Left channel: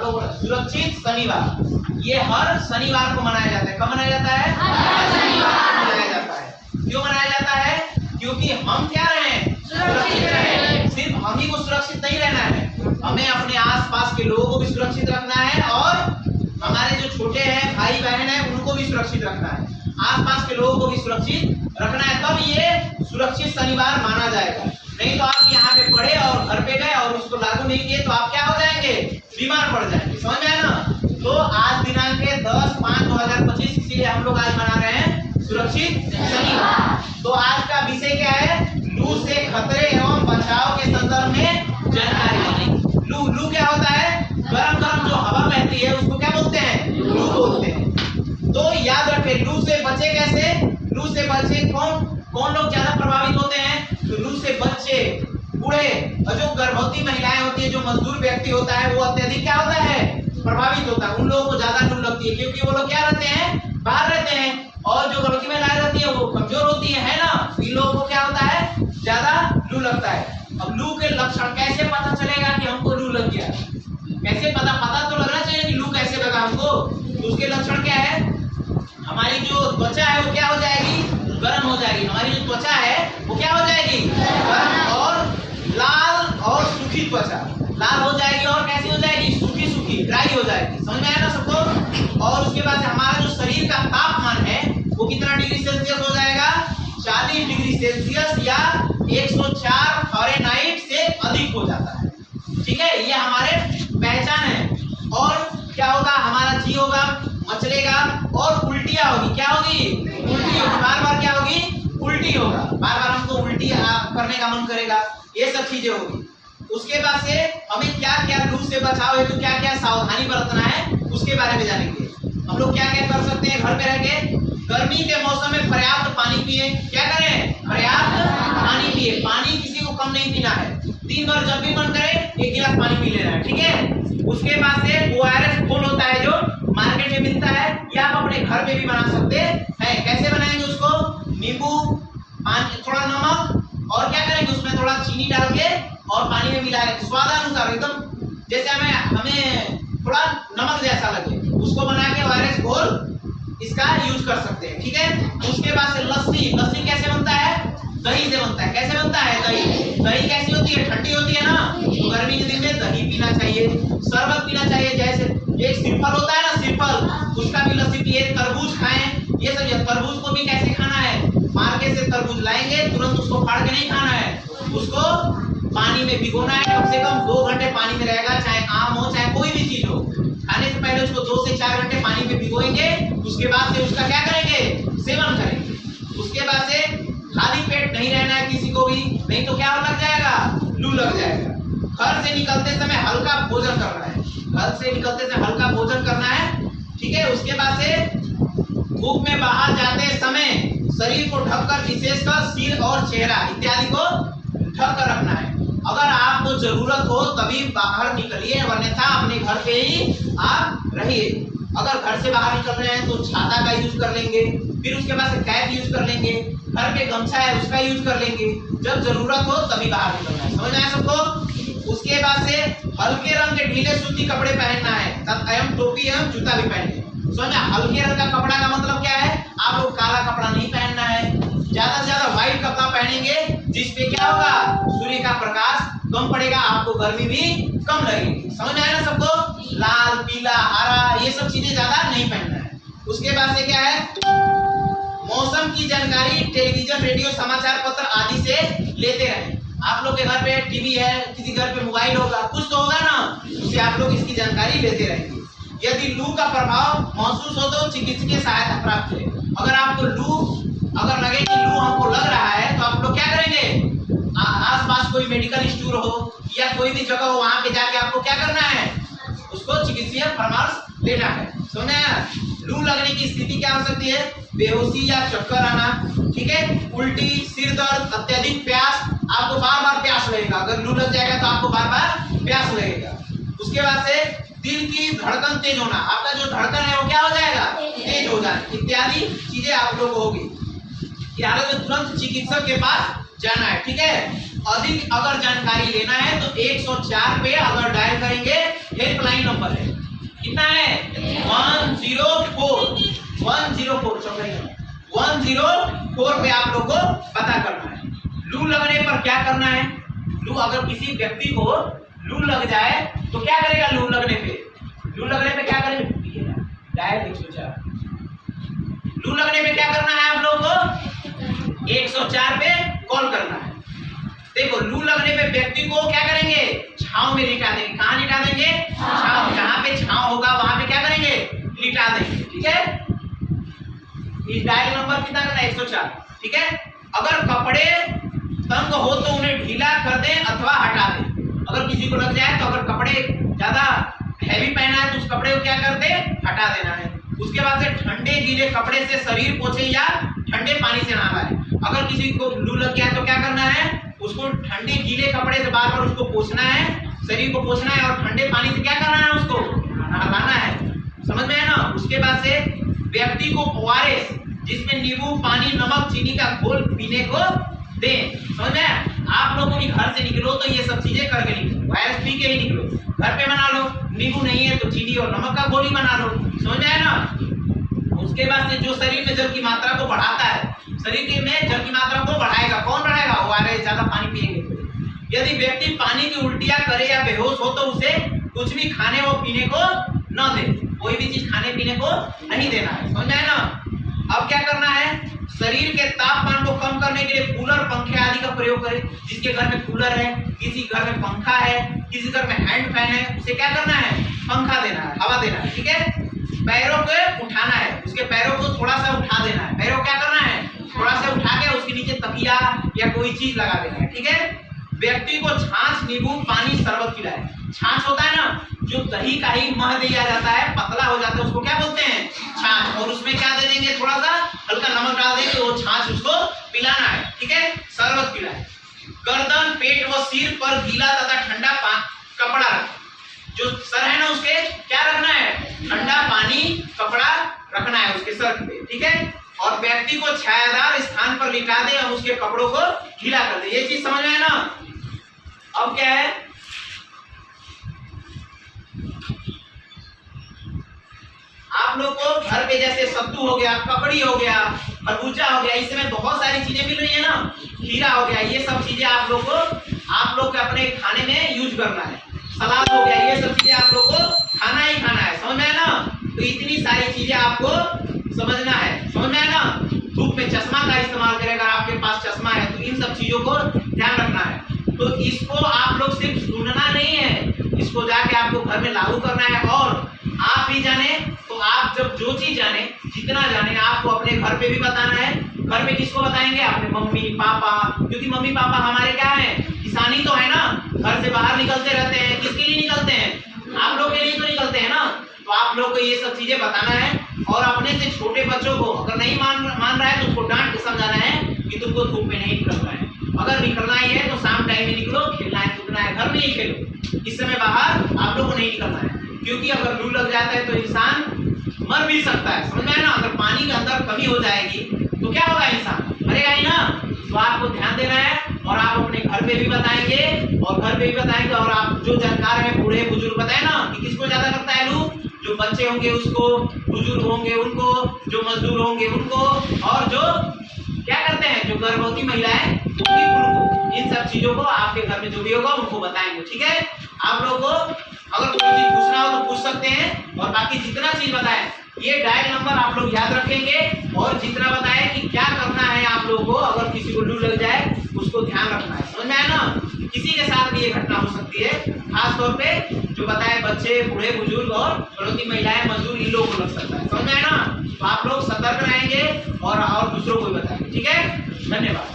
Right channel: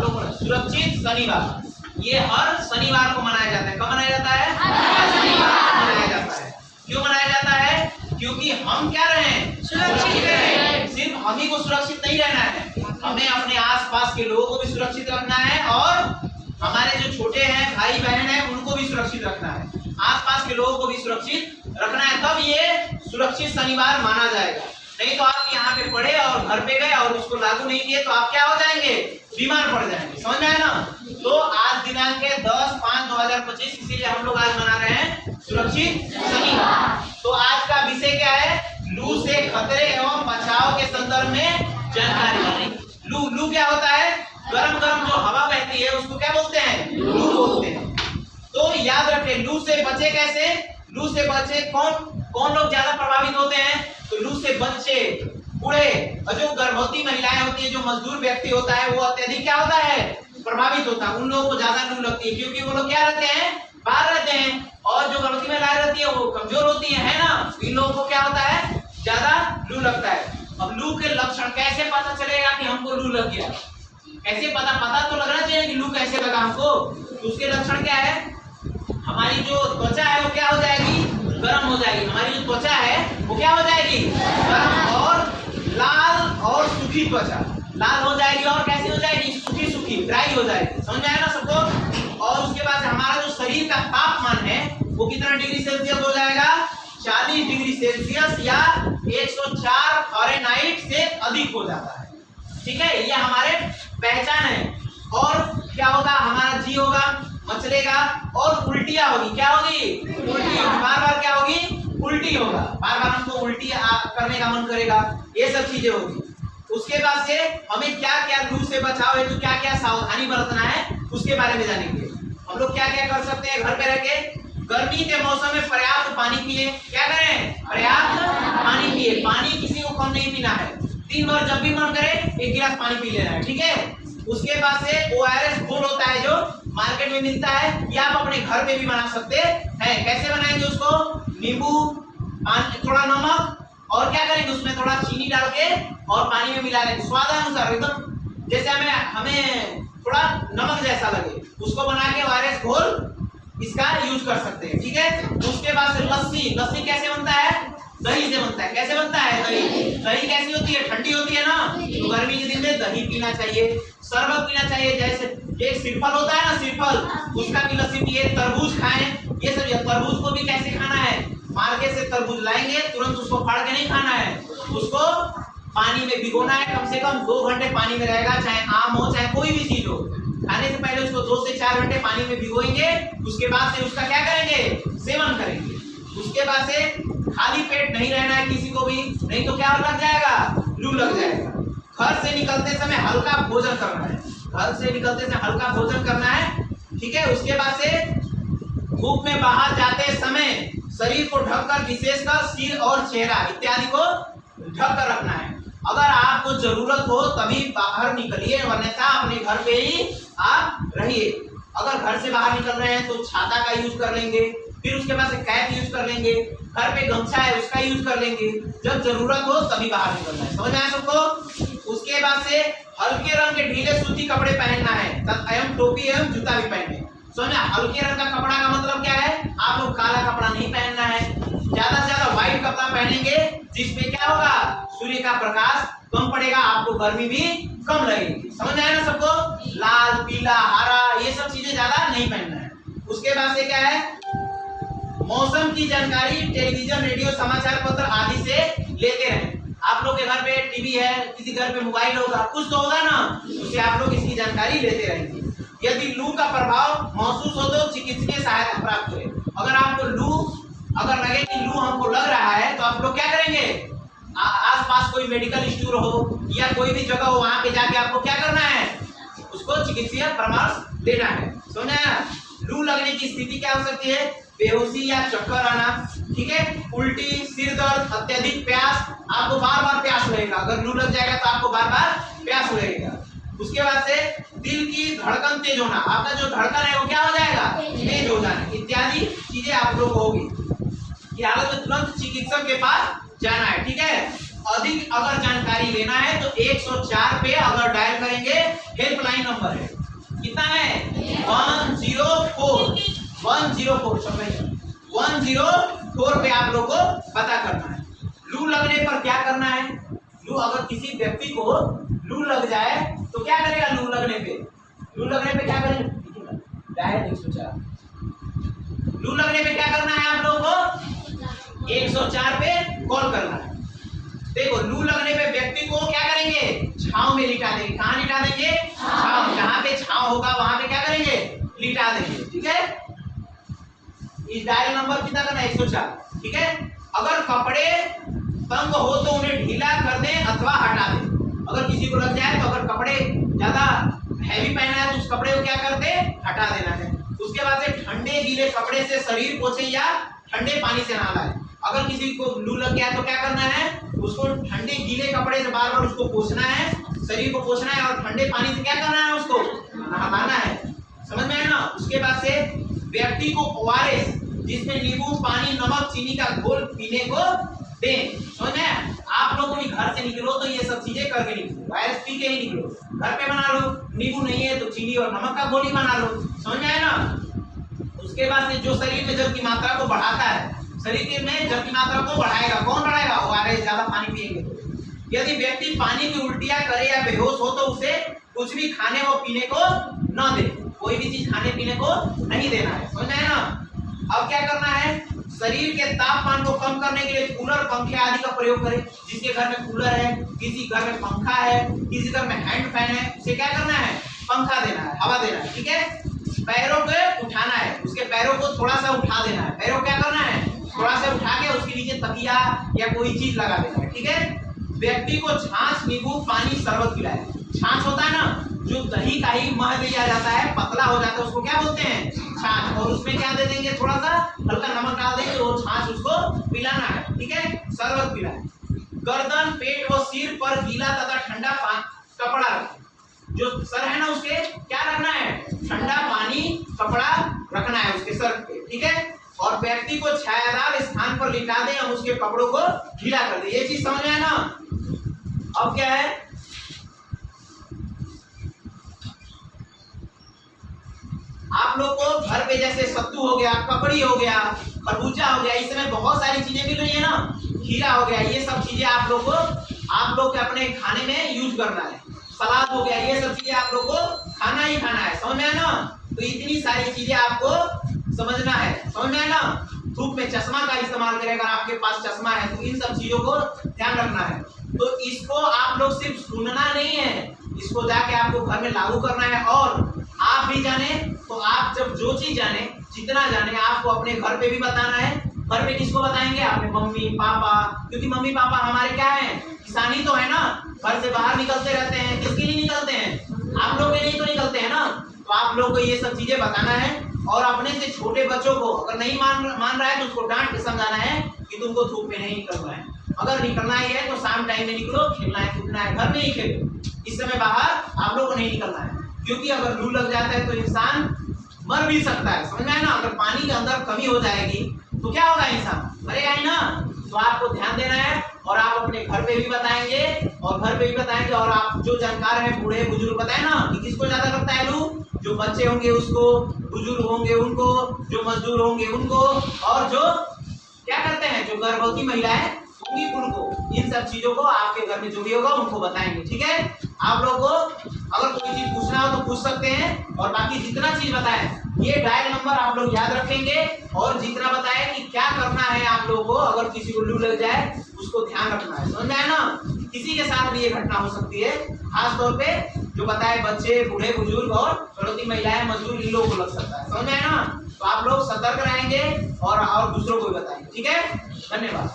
लोग सुरक्षित शनिवार, ये हर शनिवार को मनाया जाता है। कब मनाया जाता है? हर शनिवार को मनाया जाता है। क्यों मनाया जाता है? क्योंकि हम क्या रहें? सुरक्षित रहें। सिर्फ हम ही को सुरक्षित नहीं रहना है, हमें अपने आसपास के लोगों को भी सुरक्षित रखना है और हमारे जो छोटे हैं भाई बहन हैं उनको भी सुरक्षित रखना है, आसपास के लोगों को भी सुरक्षित रखना है, तब ये सुरक्षित शनिवार माना जाएगा। नहीं तो आप यहाँ पे पढ़े और घर पे गए और उसको लागू नहीं किए तो आप क्या हो जाएंगे? बीमार पड़ जाएंगे। समझ में आया ना? तो आज दिनांक 10/5/2025, इसीलिए हम लोग आज मना रहे हैं सुरक्षित शनिवार। तो आज का विषय क्या है? लू से खतरे एवं बचाव के संदर्भ में जानकारी। लू क्या होता है? गरम गरम जो हवा बहती है उसको क्या बोलते हैं? लू बोलते हैं। तो याद रखें, लू से बचे कैसे? लू से बचे कौन लोग ज्यादा प्रभावित होते हैं? तो लू से बच्चे, बूढ़े और जो गर्भवती महिलाएं होती है, जो मजदूर व्यक्ति होता है, वो अत्यधिक क्या होता है? प्रभावित होता है। उन लोगों को ज्यादा लू लगती है क्योंकि वो लोग क्या रहते हैं? बाहर रहते हैं, और जो गर्भवती महिलाएं रहती है वो कमजोर होती है ना? इन लोगों को क्या होता है? ज्यादा लू लगता है। अब लू के लक्षण कैसे पता चलेगा कि हमको लू लग गया? कैसे पता तो लगना चाहिए कि लू कैसे लगा हमको। तो उसके लक्षण क्या है? हमारी जो त्वचा है वो क्या हो जाएगी? गर्म हो जाएगी। हमारी जो त्वचा है वो क्या हो जाएगी? गर्म और लाल और सूखी त्वचा, लाल हो जाएगी और कैसी हो जाएगी? सूखी ड्राई हो जाएगी। समझ में आया ना सबको? और उसके बाद हमारा जो शरीर का तापमान है वो कितना डिग्री सेल्सियस हो जाएगा? 40 डिग्री सेल्सियस या 104 फ़ारेनहाइट से अधिक हो जाता है। ठीक है, ये हमारे पहचान है। और क्या होगा? हमारा जी होगा, मचलेगा और उल्टियां होगी। क्या होगी? उल्टी होगी। बार क्या होगी? उल्टी होगा। बार हमको उल्टी करने का मन करेगा। ये सब चीजें होगी। उसके बाद से हमें क्या क्या लू से बचाव है तो क्या क्या सावधानी बरतना है उसके बारे में जानेंगे। हम लोग क्या क्या कर सकते हैं घर पे रह के? गर्मी के मौसम में पर्याप्त पानी पिए। क्या करें? पर्याप्त पानी पिए। पानी किसी को कम नहीं पीना है। दिन भर जब भी मन करे 1 गिलास पानी पी लेना है। ठीक है। उसके बाद से ORS घोल होता है जो मार्केट में मिलता है, या आप अपने घर पे भी बना सकते हैं। कैसे बनाएंगे उसको? नींबू, थोड़ा नमक और क्या करेंगे उसमें थोड़ा चीनी डाल के और पानी में मिला लेंगे स्वादानुसार, एकदम जैसे हमें थोड़ा नमक जैसा लगे, उसको बना के ORS घोल इसका यूज कर सकते हैं। ठीक है। उसके बाद से लस्सी कैसे बनता है? दही से बनता है। कैसे बनता है? दही कैसी होती है? ठंडी होती है ना? तो गर्मी के दिन में दही पीना चाहिए, शरबत पीना चाहिए। जैसे एक सिरफल होता है ना, सिरफल, उसका भी लस्सी पिए। तरबूज खाएं। ये सब। तरबूज को भी कैसे खाना है? मार्केट से तरबूज लाएंगे, तुरंत उसको फाड़ के नहीं खाना है, उसको पानी में भिगोना है। कम से कम 2 घंटे पानी में रहेगा, चाहे आम हो चाहे कोई भी चीज हो। खाने से पहले उसको 2 से 4 घंटे पानी में भिगोएंगे। उसके बाद से उसका क्या करेंगे? सेवन करेंगे। उसके बाद से खाली पेट नहीं रहना है किसी को भी, नहीं तो क्या लग जाएगा? लू लग जाएगा। घर से निकलते समय हल्का भोजन करना है। घर से निकलते समय हल्का भोजन करना है। ठीक है। उसके बाद से धूप में बाहर जाते समय शरीर को ढककर, विशेषकर सिर और चेहरा इत्यादि को ढककर रखना है। अगर आपको जरूरत हो तभी बाहर निकलिए, अन्यथा अपने घर पे ही आप रहिए। अगर घर से बाहर निकल रहे हैं तो छाता का यूज कर लेंगे, फिर उसके बाद से कैप यूज कर लेंगे, घर पे गमछा है उसका यूज कर लेंगे। जब जरूरत हो तभी बाहर निकलना है। समझ आया सबको? उसके बाद से हल्के रंग के ढीले सूती कपड़े पहनना है, एवं टोपी एवं जूता भी पहने। समझ? हल्के रंग का कपड़ा का मतलब क्या है? आप लोग काला कपड़ा नहीं पहनना है। ज्यादा से ज्यादा व्हाइट कपड़ा पहनेंगे जिसपे क्या होगा? सूर्य का प्रकाश कम पड़ेगा, आपको गर्मी भी कम लगेगी। समझ में आया ना सबको? लाल, पीला, हरा ये सब चीजें ज्यादा नहीं पहनना है। उसके बाद से क्या है? मौसम की जानकारी टेलीविजन, रेडियो, समाचार पत्र आदि से लेते रहें। आप लोग के घर पे टीवी है, किसी घर पे मोबाइल होगा, कुछ तो होगा ना, उससे आप लोग इसकी जानकारी लेते रहेंगे। यदि लू का प्रभाव महसूस हो तो चिकित्सकीय सहायता प्राप्त करें। अगर आपको लू अगर लगे कि लू हमको लग रहा है तो आप लोग क्या करेंगे? आसपास कोई मेडिकल स्टोर हो या कोई भी जगह हो, वहां पे जाके आपको क्या करना है? उसको चिकित्सीय परामर्श लेना है। सुना? लू लगने की स्थिति क्या हो सकती है? बेहोशी या चक्कर आना। ठीक है। उल्टी, सिर दर्द, अत्यधिक प्यास, आपको बार प्यास लगेगा। अगर लू लग जाएगा तो आपको बार प्यास लगेगा। उसके बाद से दिल की धड़कन तेज होना, आपका जो धड़कन है वो क्या हो जाएगा? तेज हो जाना, इत्यादि चीजें आप लोग को होगी। हालत में तुरंत चिकित्सक के पास जाना है। ठीक है। अधिक अगर जानकारी लेना है तो 104 पे अगर डायल करेंगे, हेल्पलाइन नंबर है, कितना है 104 पे आप लोग को पता करना है। लू लगने पर क्या करना है? लू अगर किसी व्यक्ति को लू लग जाए तो क्या करेगा? लू लगने पे क्या करेगा? डायल 104। लू लगने पे क्या करना है आप लोगों को? 104 पे कॉल करना है। देखो, लू लगने पे व्यक्ति को क्या करेंगे? छांव में लिटा देंगे। कहाँ लिटा देंगे? छांव। जहां पे छांव होगा वहां पे क्या करेंगे? लिटा देंगे। ठीक है, इस डायल नंबर कितना करना है? 104। ठीक है, अगर कपड़े तंग हो तो उन्हें ढीला कर दें अथवा हटा दें। अगर किसी को लग जाए तो अगर कपड़े ज्यादा हैवी पहना है तो उस कपड़े को क्या कर दे? हटा देना है। उसके बाद से ठंडे गीले कपड़े से शरीर पोंछे या ठंडे पानी से नहाना है। अगर किसी को लू लग गया तो क्या करना है? उसको ठंडे गीले कपड़े से बार बार उसको पोंछना है, शरीर को पोंछना है और ठंडे पानी से क्या करना है? उसको नहलाना है। समझ में है ना? उसके बाद से व्यक्ति को ORS जिसमें नींबू, पानी, नमक, चीनी का घोल पीने को दें। समझ में? आप लोगों को घर से निकलो तो ये सब चीजें करके निकलो, ORS पी के ही निकलो। घर पे बना लो, नींबू नहीं है तो चीनी और नमक का घोल ही बना लो। समझ में आया ना? उसके बाद से जो शरीर में जल की मात्रा को बढ़ाता है, शरीर में जल की मात्रा को बढ़ाएगा, कौन बढ़ाएगा? ORS। ज्यादा पानी पिएंगे तो। यदि व्यक्ति पानी की उल्टियां करे या बेहोश हो तो उसे कुछ भी खाने व पीने को न दे। कोई भी चीज खाने पीने को नहीं देना है। समझ आया ना? अब क्या करना है? शरीर के तापमान को कम करने के लिए कूलर, पंखे आदि का प्रयोग करें। जिसके घर में कूलर है, किसी घर में पंखा है, किसी घर में हैंड फैन है, उसे क्या करना है? पंखा देना है, हवा देना है। ठीक है, पैरों को उठाना है, उसके पैरों को थोड़ा सा उठा देना है। पैरों को क्या करना है? थोड़ा सा उठा के उसके नीचे तकिया या कोई चीज लगा देना है। ठीक है, व्यक्ति को छाछ, नींबू, पानी, शरबत पिलाए। छाछ होता है ना, जो दही का ही मह दिया जाता है, पतला हो जाता है, उसको क्या बोलते हैं? छाछ। और उसमें क्या दे देंगे? थोड़ा सा हल्का नमक डाल देंगे, वो छाछ उसको पिलाना है। ठीक है, शरबत पिलाए। गर्दन, पेट व सिर पर गीला तथा ठंडा कपड़ा रखें। जो सर है ना, उसके क्या रखना है? ठंडा पानी, कपड़ा रखना है उसके सर पे। ठीक है, और व्यक्ति को छायादार स्थान पर लिटा दे और उसके कपड़ों को गीला कर दे। ये चीज समझ में है ना? अब क्या है? आप लोग को घर पे जैसे सत्तू हो गया, ककड़ी हो गया, खरबूजा हो गया, इस समय बहुत सारी चीजें मिल रही है ना, खीरा हो गया, ये सब चीजें आप लोग के अपने खाने में यूज करना है। सलाद हो गया, ये सब चीजें आप लोग को खाना ही खाना है। समझ में है ना? तो इतनी सारी चीजें आपको समझना है। समझ में है ना? धूप में चश्मा का इस्तेमाल करें। अगर आपके पास चश्मा है तो इन सब चीजों को ध्यान रखना है। तो इसको आप लोग सिर्फ सुनना नहीं है, इसको जाके आपको घर में लागू करना है। और आप भी जाने तो आप जब जो चीज जाने, जितना जाने, आपको अपने घर पे भी बताना है। घर पे किसको बताएंगे? अपने मम्मी पापा, क्योंकि मम्मी पापा हमारे क्या है? किसानी तो है ना, घर से बाहर निकलते रहते हैं। किसके लिए निकलते हैं? आप लोग के लिए तो निकलते हैं ना। तो आप लोग को ये सब चीजें बताना है। और अपने से छोटे बच्चों को अगर नहीं मान रहा है तो उसको डांट के समझाना है कि तुमको धूप में नहीं निकलना है। अगर निकलना ही है तो शाम टाइम में निकलो, खेलना है कूदना है, घर में ही खेलो। इस समय बाहर आप लोग को नहीं निकलना है, क्योंकि अगर लू लग जाता है तो इंसान मर भी सकता है। समझ में आया ना? अगर पानी के अंदर कमी हो जाएगी तो क्या होगा? इंसान मरेगा ही ना। तो आपको ध्यान देना है और आप अपने घर पे भी बताएंगे और आप जो जानकार हैं, बूढ़े बुजुर्ग, बताए ना कि किसको ज्यादा लगता है लू? जो बच्चे होंगे उसको, बुजुर्ग होंगे उनको, जो मजदूर होंगे उनको, और जो क्या करते हैं, जो गर्भवती महिलाएं होंगी उनको। इन सब चीजों को आपके घर में जो भी होगा उनको बताएंगे। ठीक है, आप लोगों को अगर कोई चीज पूछना हो तो पूछ सकते हैं। और बाकी जितना चीज बताएं, ये डायल नंबर आप लोग याद रखेंगे। और जितना बताएं कि क्या करना है आप लोगों को, अगर किसी को लू लग जाए उसको ध्यान रखना है। समझ में आया ना? किसी के साथ भी ये घटना हो सकती है, खास तौर पे जो बताए बच्चे, बूढ़े बुजुर्ग और गर्भवती महिलाएं, मजदूर, इन लोगों को लग सकता है। समझ में आया ना? तो आप लोग सतर्क रहेंगे और दूसरों को भी बताएंगे। ठीक है, धन्यवाद।